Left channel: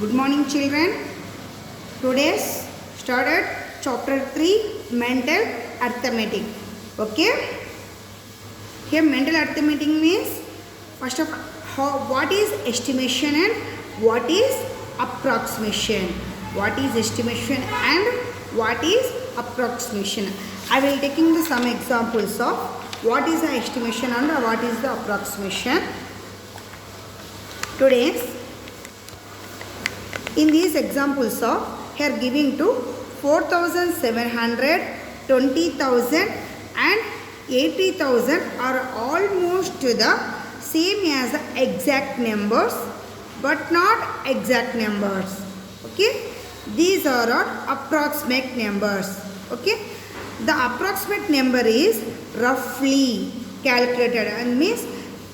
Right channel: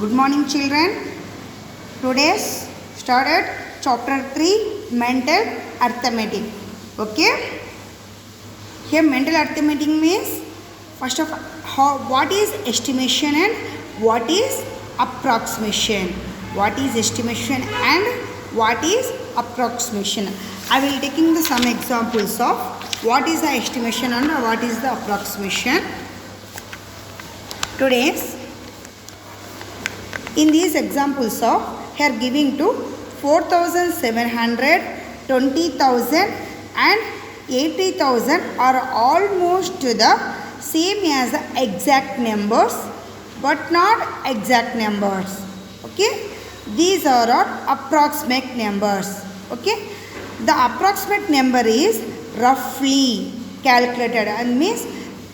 Good morning, children. Today's started chapter 3 mental arithmetic. Okay. Here mental arithmetic means first of all what is estimation and what is approximation. What is estimation and what is approximation. I will taking the some examples of what is the estimation and what is the approximation. Today's in these examples of here giving to 4,700, 20,000 and 80,000 are almost the same as the exact numbers but not exact numbers. Okay, these are approximate numbers. Okay, the approximate number is roughly calculated and means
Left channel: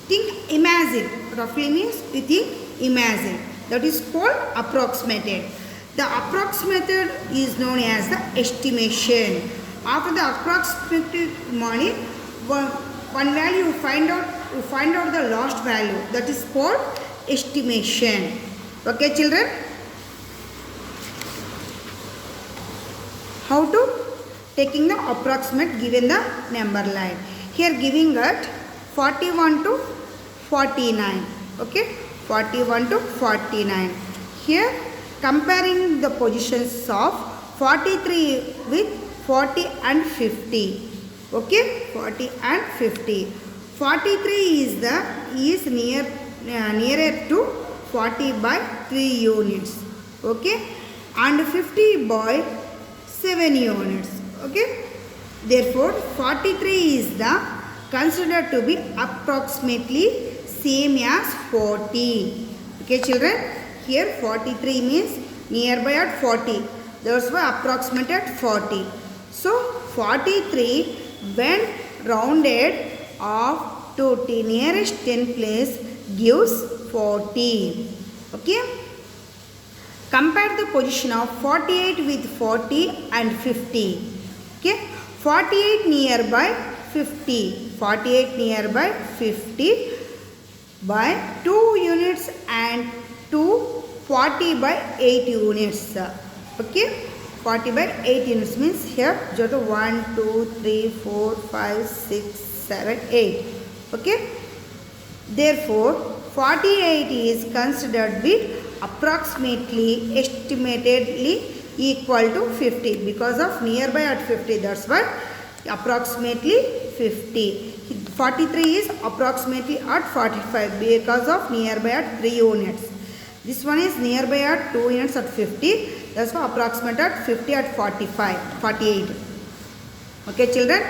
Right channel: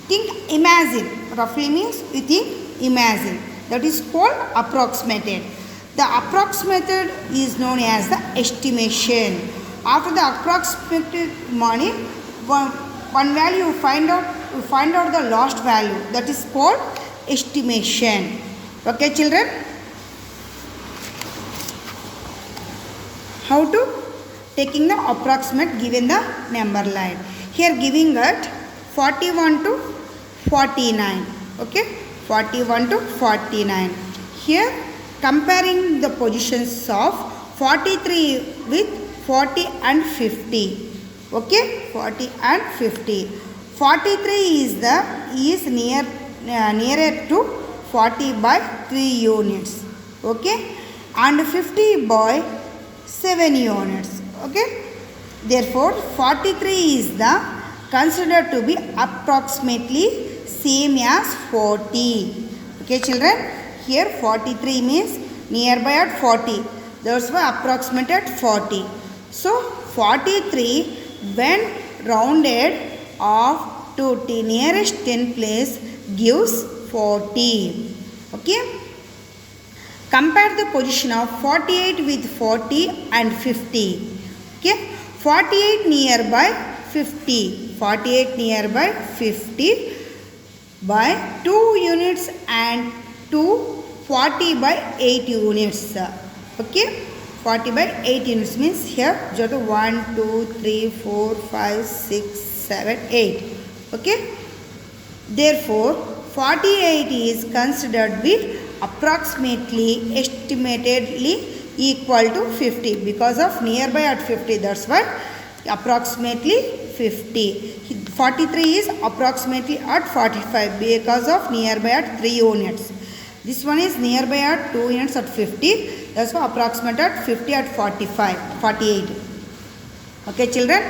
think imagine. Roughly means you think imagine. That is called approximated. The approximated is known as the estimation. After the approximated money, one value you find out the last value. That is called estimation. Okay, children? How to taking the approximate given the number line. Here giving that 41 to 49. Okay. 41 to 49. Here comparing the positions of 43 with 40 and 50. Okay, 40 and 50. 43 is nearer to 40 by 3 units. Okay, and 50 by 7 units. Okay, therefore 43 is the considered to be approximately same as 40. Okay, children, here 43 means nearby at 40. Those were approximate at 40. So 43 when rounded off to the nearest 10 place gives 40. Okay. Compare the position of 48 with 40 and 50. Okay. 48 nearby 50. 48 nearby 50. By 2 units and 40 by 8 units. Okay, 40 by 8 units means here 1, 2, 3, 4, 5, 6, 7, 8. Okay, therefore 48 is considered be approximately estimatedly equal to 50 because of nearby at 50. That's why approximately 50. 43 is approximately at 45 because of nearby at 3 units. This one is nearby at 2 units at 50. That's why approximate at 50 at 48. Okay, children.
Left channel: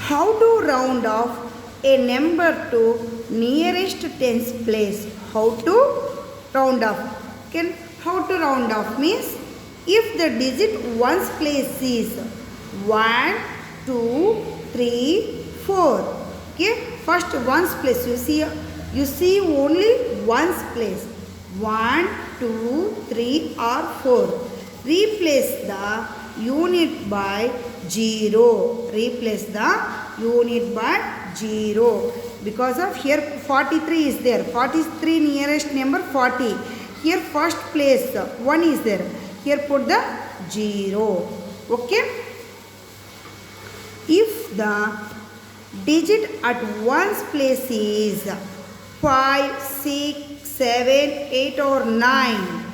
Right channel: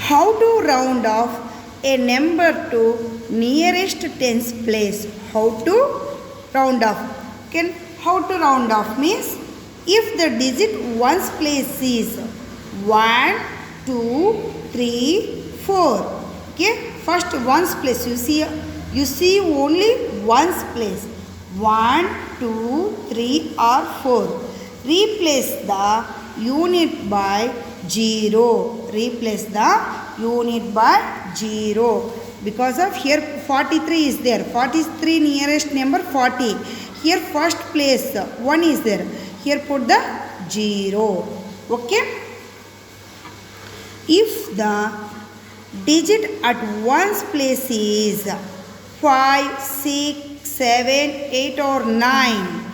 How to round off a number to nearest tens place? How to round off? Okay, how to round off means if the digit ones place is 1, 2, 3, 4. Okay, first ones place you see only ones place 1, 2, 3 or 4. Replace the unit by 0. Replace the unit by 0 because of here 43 is there. 43 nearest number 40. Here first place 1 is there. Here put the 0. Okay. If the digit at ones place is 5, 6, 7, 8 or 9,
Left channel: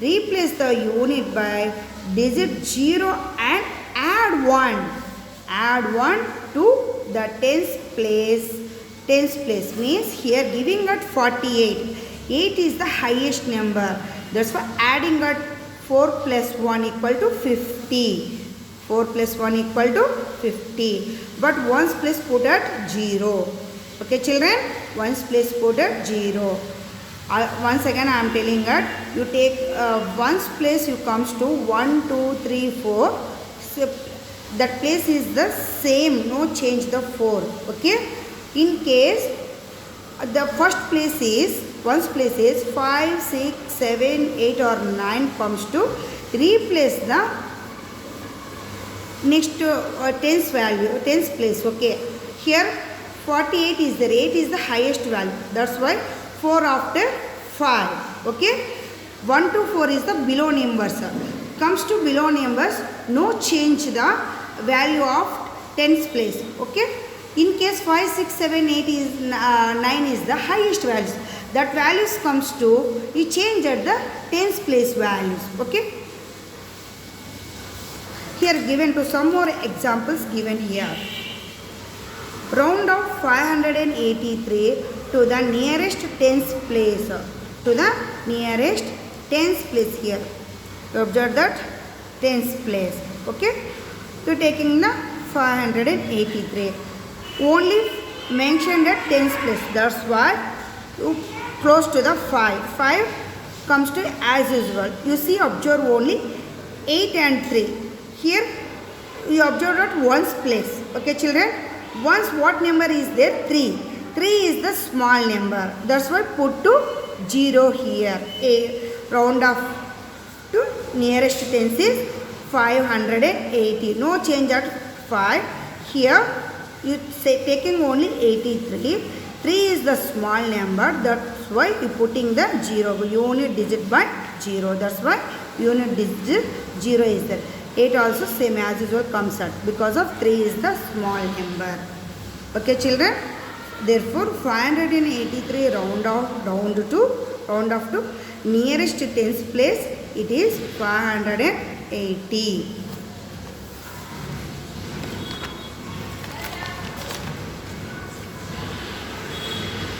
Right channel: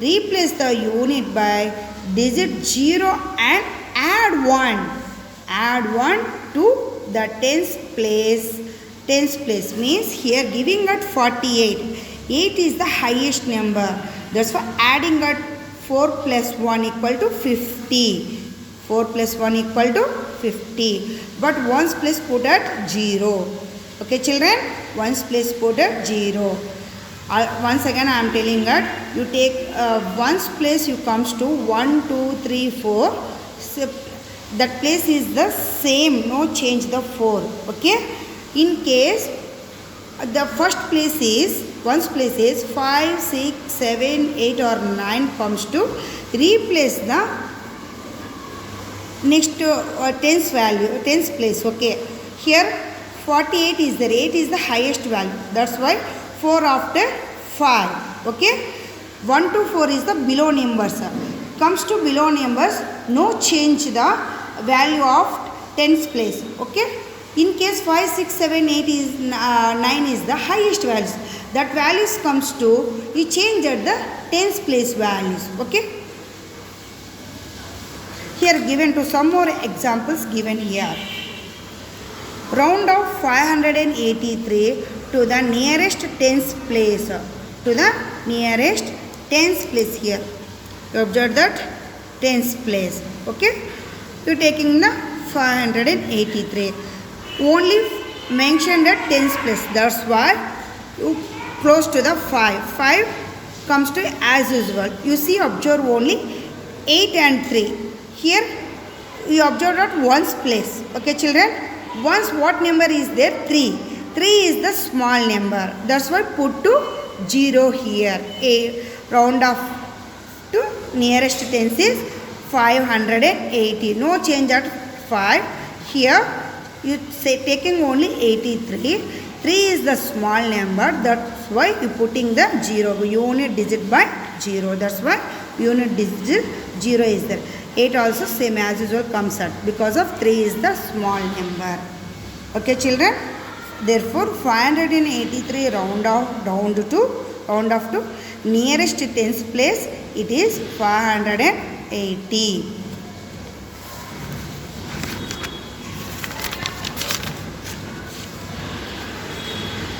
replace the unit by digit 0 and add 1. Add 1 to the tens place. Tens place means here giving at 48. 8 is the highest number. That's why adding at 4 plus 1 equal to 50. 4 plus 1 equal to 50. But ones place put at 0. Okay, children? Ones place put at 0. Once again I am telling that you take ones place you comes to 1, 2, 3, 4. So that place is the same. No change the 4. Okay? In case the first place is ones place is 5, 6, 7, 8 or 9 comes to replace the next tens value, tens place. Okay, here 48 is there, 8 is the highest value. That's why 4 after 5. Okay, 1 to 4 is the below numbers. Comes to below numbers, no change the value of tens place. Okay, in case 5 6 7 8 is 9 is the highest values, that values comes to you change at the tens place values. Okay, here given to some more examples given here. Round off 583 to the nearest tens place. To the nearest tens place here. You observe that tens place. Okay. You taking the 583. Only mention the tens place. That's why you close to the 5. 5 comes to as usual. You see, observe only 8 and 3. Here you observe that ones place. Okay, children. Once what number is there? 3. 3 is the small number. That's why put to 0 here. A round off to nearest tens is 580. No change at 5. Here you say taking only 83. 3 is the small number. That's why you putting the 0. Unit digit by 0. That's why unit digit 0 is there. 8 also same as usual comes out because of 3 is the small number. Okay, children. Therefore, 583 round off to nearest tens place. It is 580.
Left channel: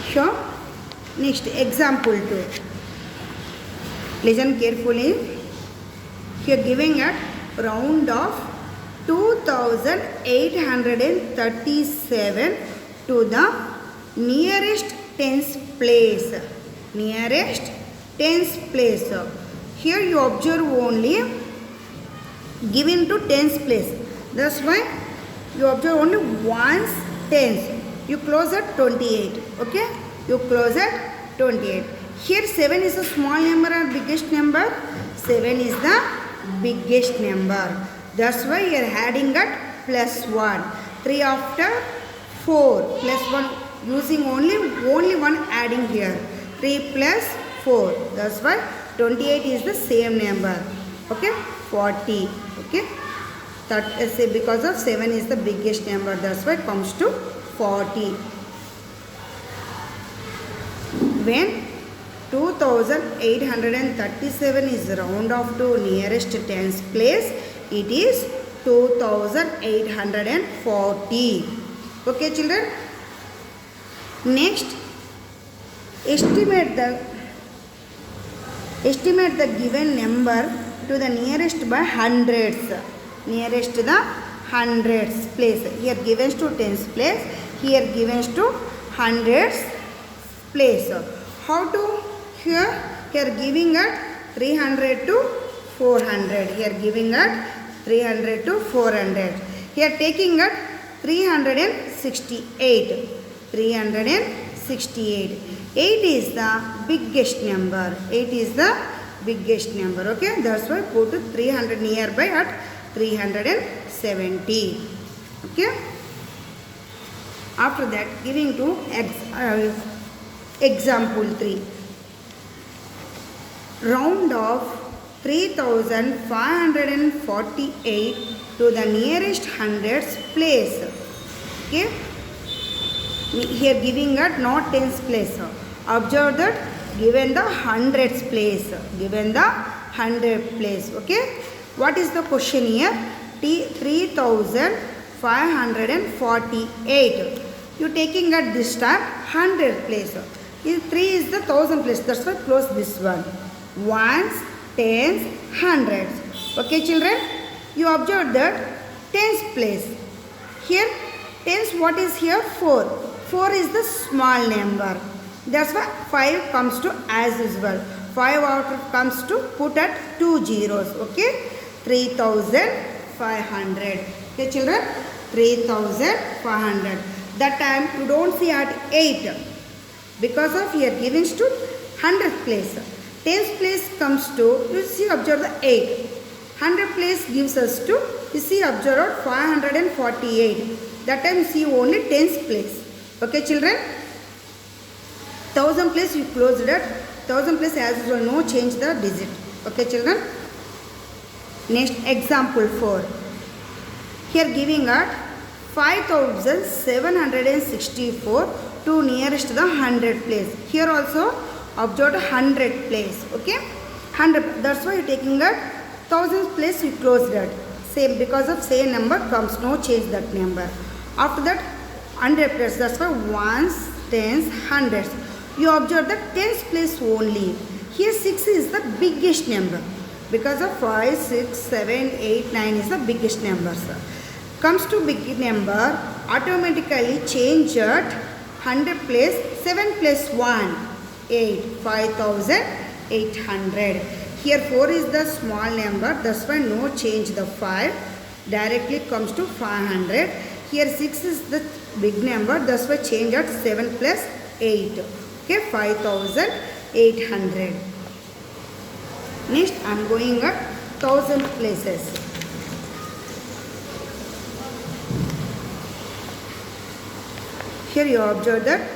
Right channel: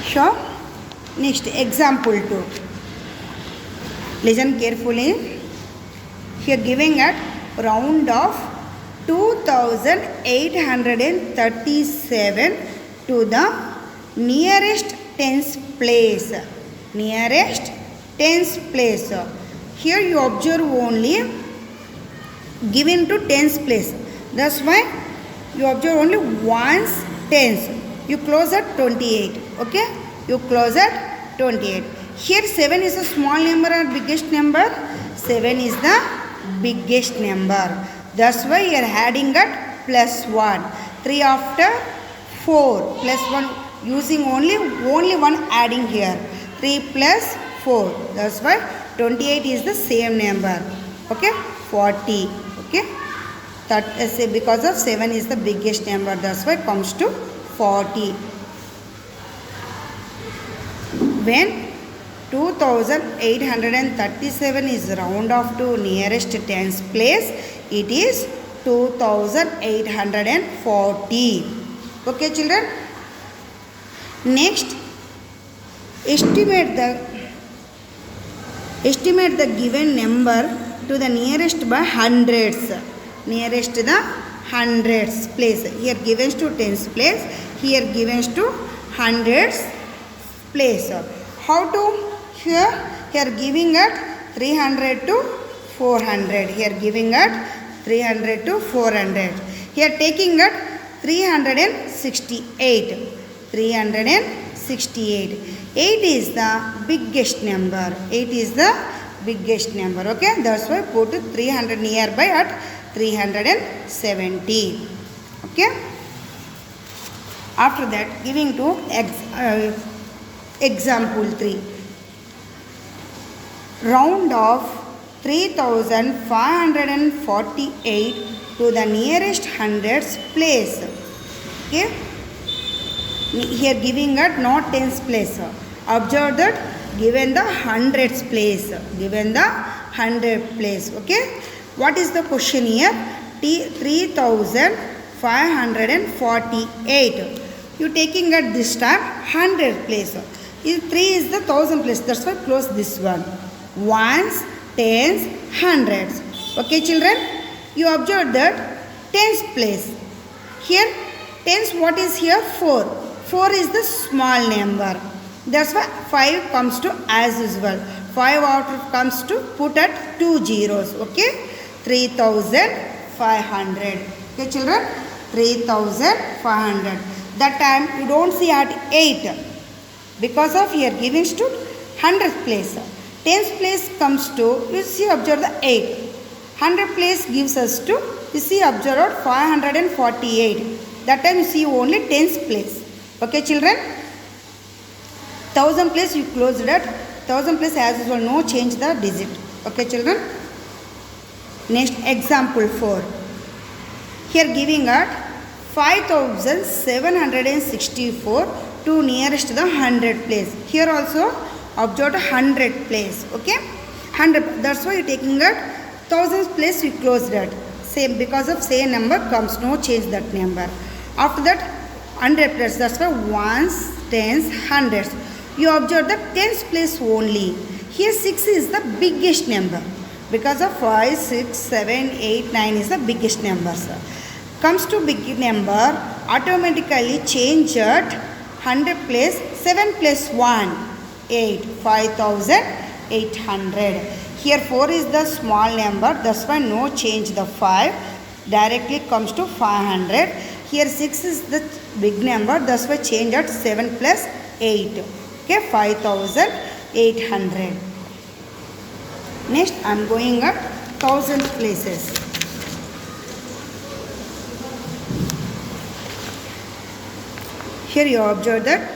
Sure. Next example 2. Listen carefully. Here giving at round off 2837 to the nearest tens place. Nearest tens place. Here you observe only given to tens place. That's why you observe only once tens. You close at 28. Okay? You close at 28. Here 7 is a small number or biggest number. 7 is the biggest number. That's why you are adding at plus 1. 3 after 4 plus 1 using only one adding here. 3 plus 4. That's why 28 is the same number. Okay, 40. Okay, that is because of 7 is the biggest number. That's why it comes to 40. When 2837 is round off to nearest tens place, it is 2840. Okay, children. Next, estimate the given number to the nearest by hundreds. Nearest the hundreds place. Here given to tens place. Here given to hundreds place. How to? Here giving at 300 to 400. Here giving at 300 to 400. Here taking at 368. 368. 8 is the biggest number. 8 is the biggest number. Okay. That's why put 300 nearby at 370. Okay. After that, giving to example 3. Round off 3548 to the nearest hundreds place. Okay. Here giving at not tens place. Observe that given the hundreds place. Given the 100 place. Okay. What is the question here? 3548. You taking at this time 100 place. 3 is the 1000 place. That's why close this one. Ones, tens, hundreds. Okay, children. You observe that tens place. Here tens, what is here? 4. 4 is the small number. That's why 5 comes to as usual. 5 out comes to put at 2 zeros. Okay. 3500. Okay, children. 3500. That time you don't see at 8. Because of here giving to 100th place. 10th place comes to, you see, observe the 8. 100 place gives us to, you see, observe 548. That time you see only 10th place. Okay, children. 1000 place you closed at 1000 place as usual, no change the digit. Okay children. Next example 4. Here giving at 5764 to nearest to the 100 place. Here also observe 100 place. Okay, 100. That's why taking at 1000 place we close that. Same, because of same number comes, no change that number. After that 100 place. That's why ones, tens, hundreds. You observe the tens place only. Here 6 is the biggest number. Because of 5, 6, 7, 8, 9 is the biggest number. Comes to big number, automatically change at 100 place, 7 plus 1, 8, 5800. Here 4 is the small number, that's why no change the 5, directly comes to 500. Here 6 is the big number, that's why change at 7 plus 8, okay, 5800. Next I am going at 1000 places. Here you observe that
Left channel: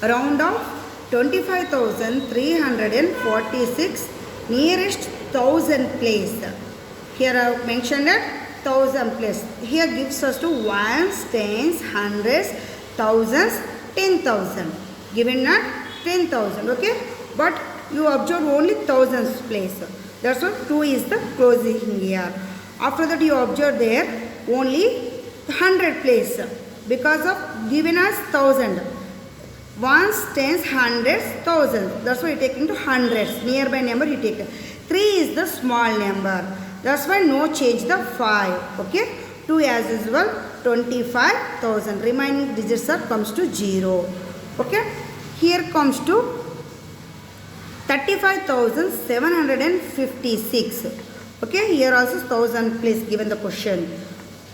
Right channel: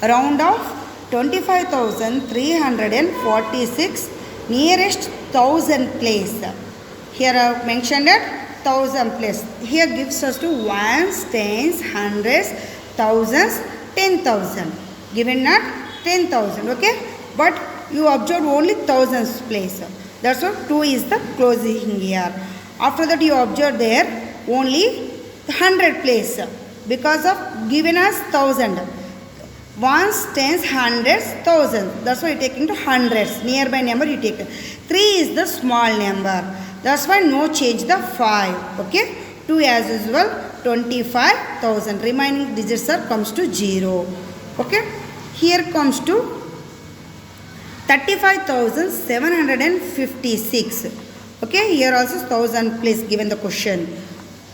round of 25,346 nearest 1000 place. Here I have mentioned that 1000 place. Here gives us to ones, tens, hundreds, thousands, 10,000. Given at 10,000. Okay, but you observe only thousands place. That's why 2 is the closing here. After that you observe there only 100 place. Because of given us 1000. Ones, tens, hundreds, thousands. That's why you take into hundreds. Nearby number you take. 3 is the small number. That's why no change the 5. Okay. 2 as usual 25,000. Remaining digits are comes to 0. Okay. Here comes to 35,756. Okay. Here also 1000 place given the question.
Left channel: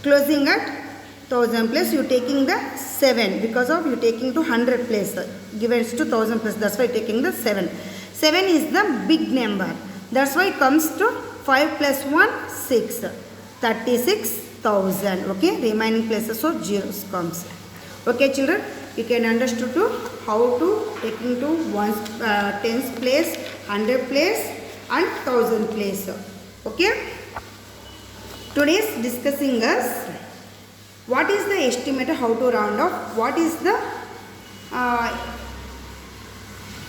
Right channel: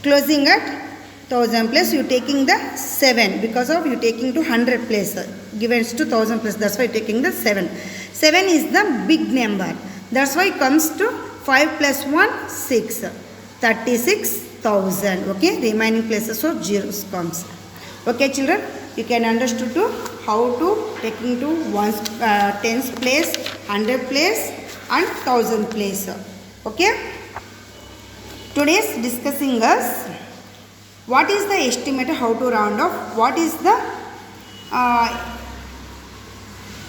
Closing at 1000 place, you taking the 7 because of you taking to 100 place given to 1000 place. That's why taking the 7. 7 is the big number. That's why it comes to 5 plus 1, 6. 36,000. Okay, remaining places so zeros comes. Okay children, you can understand to how to taking to ones, tens place, 100 place and 1000 place. Okay. Today's discussing us what is the estimate, how to round off, what is the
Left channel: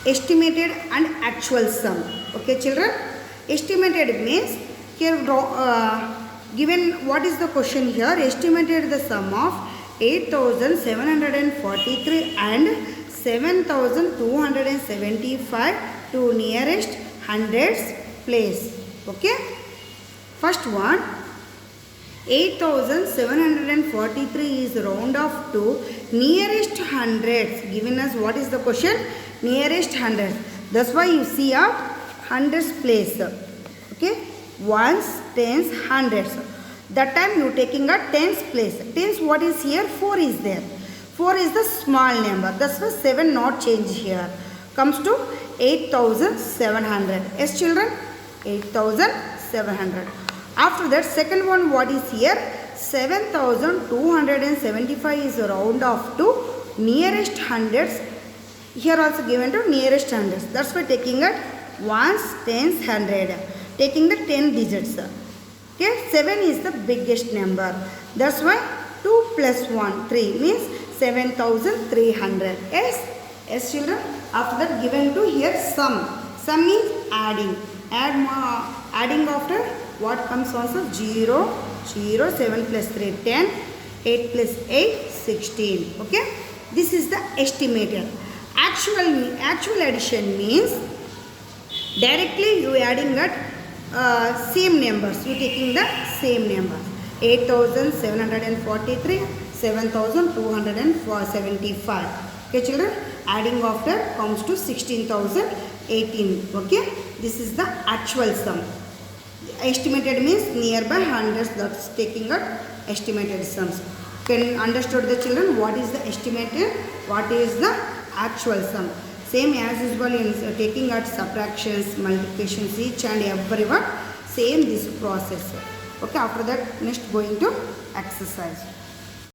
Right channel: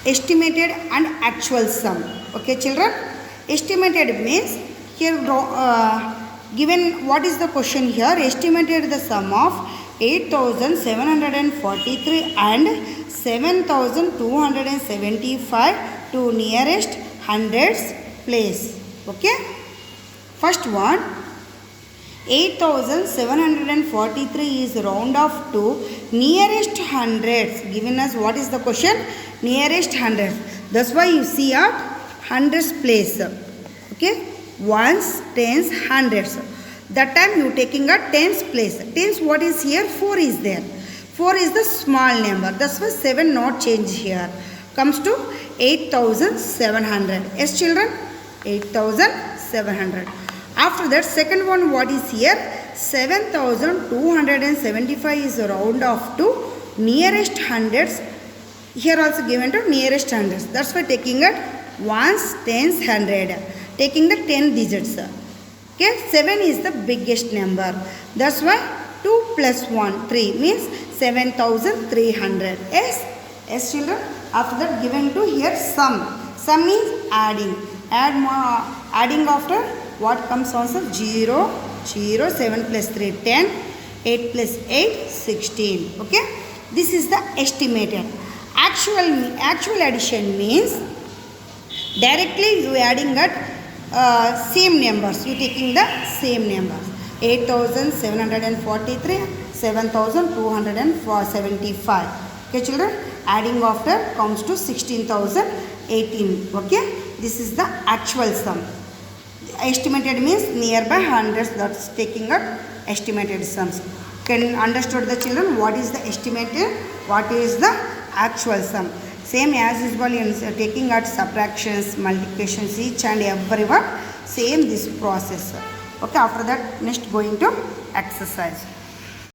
estimated and actual sum. Okay children, estimated means here given what is the question here, estimated the sum of 8,743 and 7,275 to nearest hundreds place. Okay, first one 8,743 is round off to nearest hundreds. Given us what is the question? Nearest hundreds. That's why you see a hundreds place. Okay, ones, tens, hundreds. That time you taking a tens place. Tens what is here? 4 is there. 4 is the small number. That's why 7 not change here. Comes to 8,700. Yes children, 8,700. After that second one what is here? 7,275 is round off to nearest hundreds. Here also given to nearest hundreds. That's why taking it ones, tens, 100. Taking the 10 digits. Okay, 7 is the biggest number. That's why 2 plus 1, 3 means 7,300. Yes, yes children. After that given to here sum. Sum is adding. Adding after what comes also 0, 0, 7 plus 3, 10, 8 plus 8, 16. Okay, this is the estimated. Actual addition means directly you adding at same numbers. You taking the same numbers. 8,743, 7,275. Okay children, adding after comes to 16,018. Okay, this is the actual sum. Estimated means nearby hundreds, that's taking up estimated sums. Can understood the children what is the estimated, what is the actual sum. Same as usual in taking at subtractions, multiplications, each and every one, same this process. Okay, after that next going to exercise.